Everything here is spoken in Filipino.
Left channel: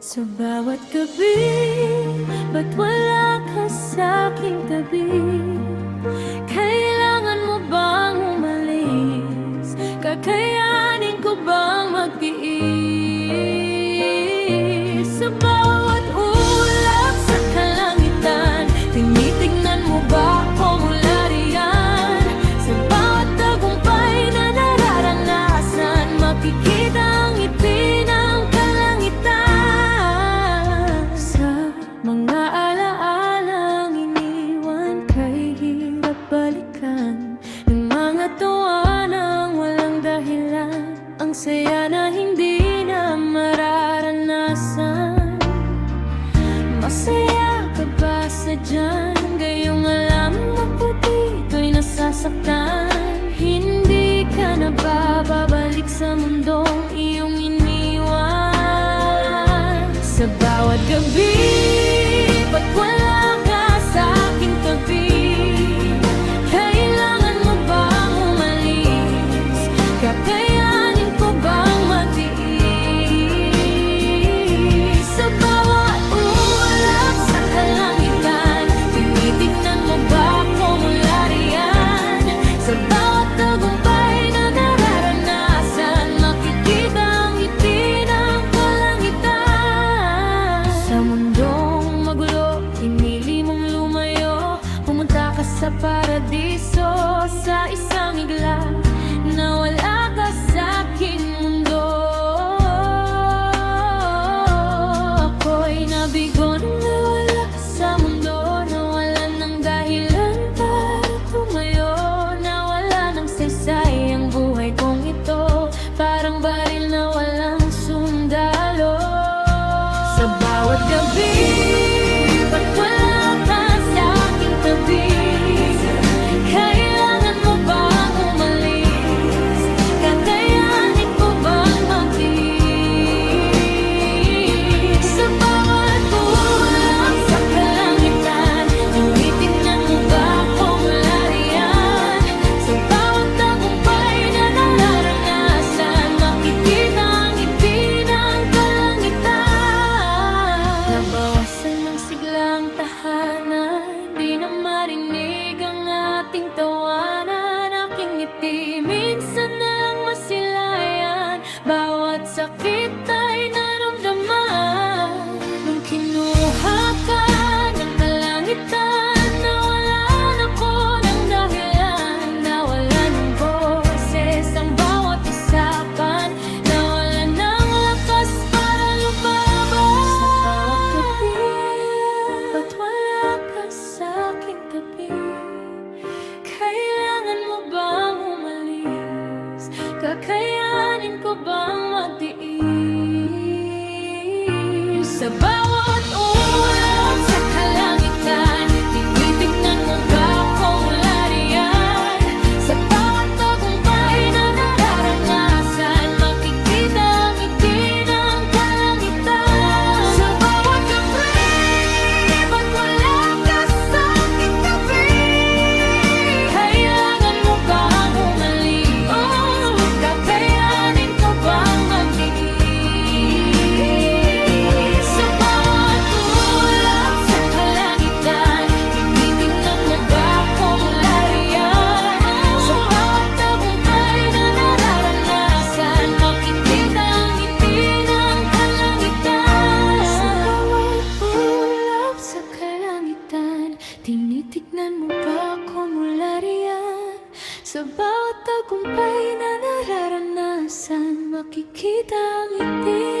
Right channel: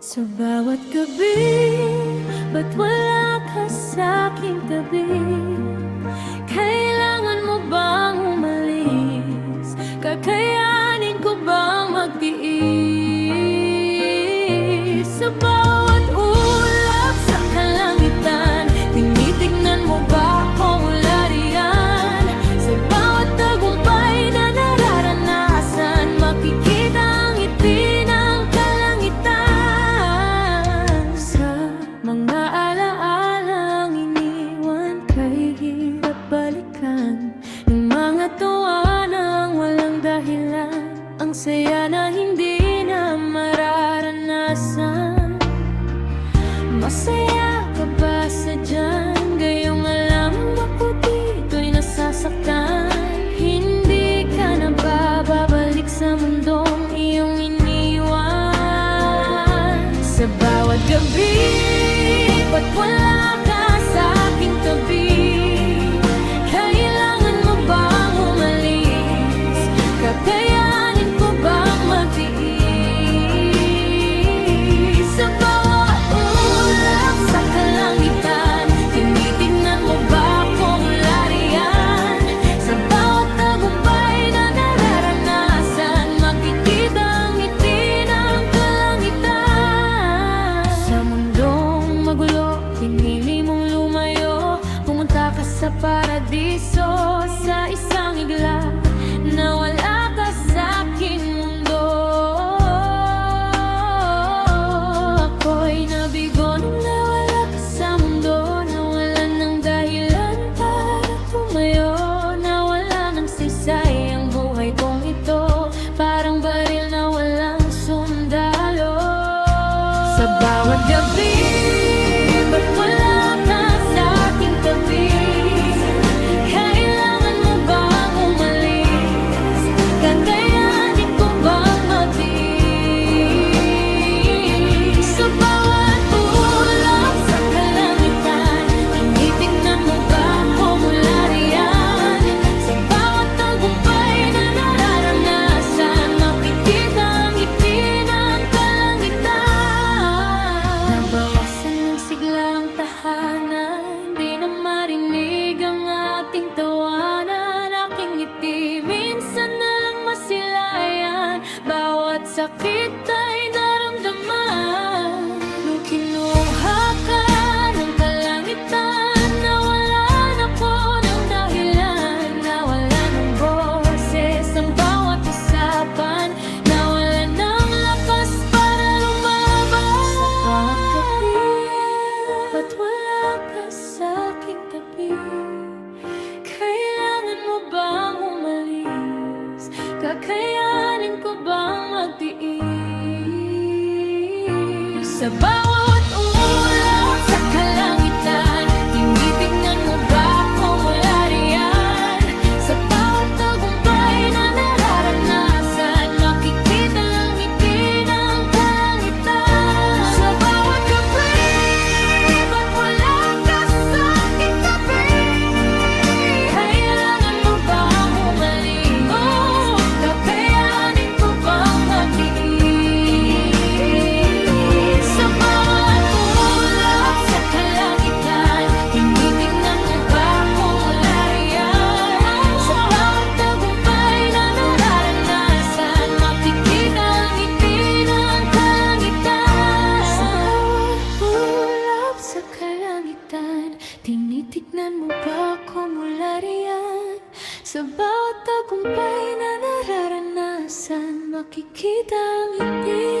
Sa bawat gabi, ba't wala ka sa'king tabi? Kailangan mo bang umalis? Kakayanin ko bang magtiis? Sa bawat ulap sa kalangitan, tinitignan mo ba ako mula riyan? Sa bawat tagumpay na nararanasan, makikita ang ngiti ng kalangitan. Sa mga alaalang iniwan kay hirap balikan, ng mga tuwa nang walang dahilan, ang saya na hindi na mararanasan. Masaya ka ba sadyan? Gayong alam ako dito'y nasasaktan. Hindi ka na ba babalik sa mundong iyong iniwan? Sa bawat gabi, ba't wala ka sa aking tabi? Kailangan mo bang umalis? Kakayanin ko bang magtiis? Sa bawat ulap sa kalangitan, tinitingnan mo ba ako mula riyan? Sa bawat tagumpay na nararanasan, makikita ang ngiti ng kalangitan. Sa mundong magulo, pinili mong lumayo, pumunta ka sa paradiso. Sa isang igla, nawala ka sa aking mundo. Ako'y nabigo nung nawala ka sa mundo. Nawalan ng dahilan para tumayo, nawala ng saysay ang buhay kong ito. Parang baril na walang sundalo. Sa bawat gabi, ba't wala ka sa aking tabi? Kailangan mo bang umalis? Kakayanin ko bang magtiis? Sa bawat ulap sa kalangitan, tinitignan mo ba ako mula riyan? Sa bawat tagumpay na nararanasan, makikita ang ngiti ng kalangitan. Nabawasan ng siglang tahanan, di na marinig ang ating tawanan. Aking ngiti minsan na lang masilayan, bawat sakit ay naramdaman. Nung kinuha ka ng kalangitan, nawalan ako ng dahilan, nawalan ng boses ang bawat usapan, nawalan ng lakas para lumaban. Sa bawat gabi, ba't wala ka sa aking tabi? Kailangan mo bang umalis? Kakayanin ko bang magtiis? Sa bawat ulap sa kalangitan, tinitignan mo ba ako mula riyan? Sa bawat tagumpay na nararanasan, makikita ang ngiti ng kalangitan. Sa bawat gabi, ba't wala ka sa aking tabi? Kailangan mo bang umalis? Kakayanin ko bang magtiis? Sa bawat ulap sa kalangitan, tinitignan mo ba ako mula riyan? Sa bawat tagumpay na nararanasan, makikita ang ngiti ng kalangitan. Sa bawat ulap sa kalangitan, tinitignan mo ba ako mula riyan? Sa bawat tagumpay na nararanasan, makikita ang ngiti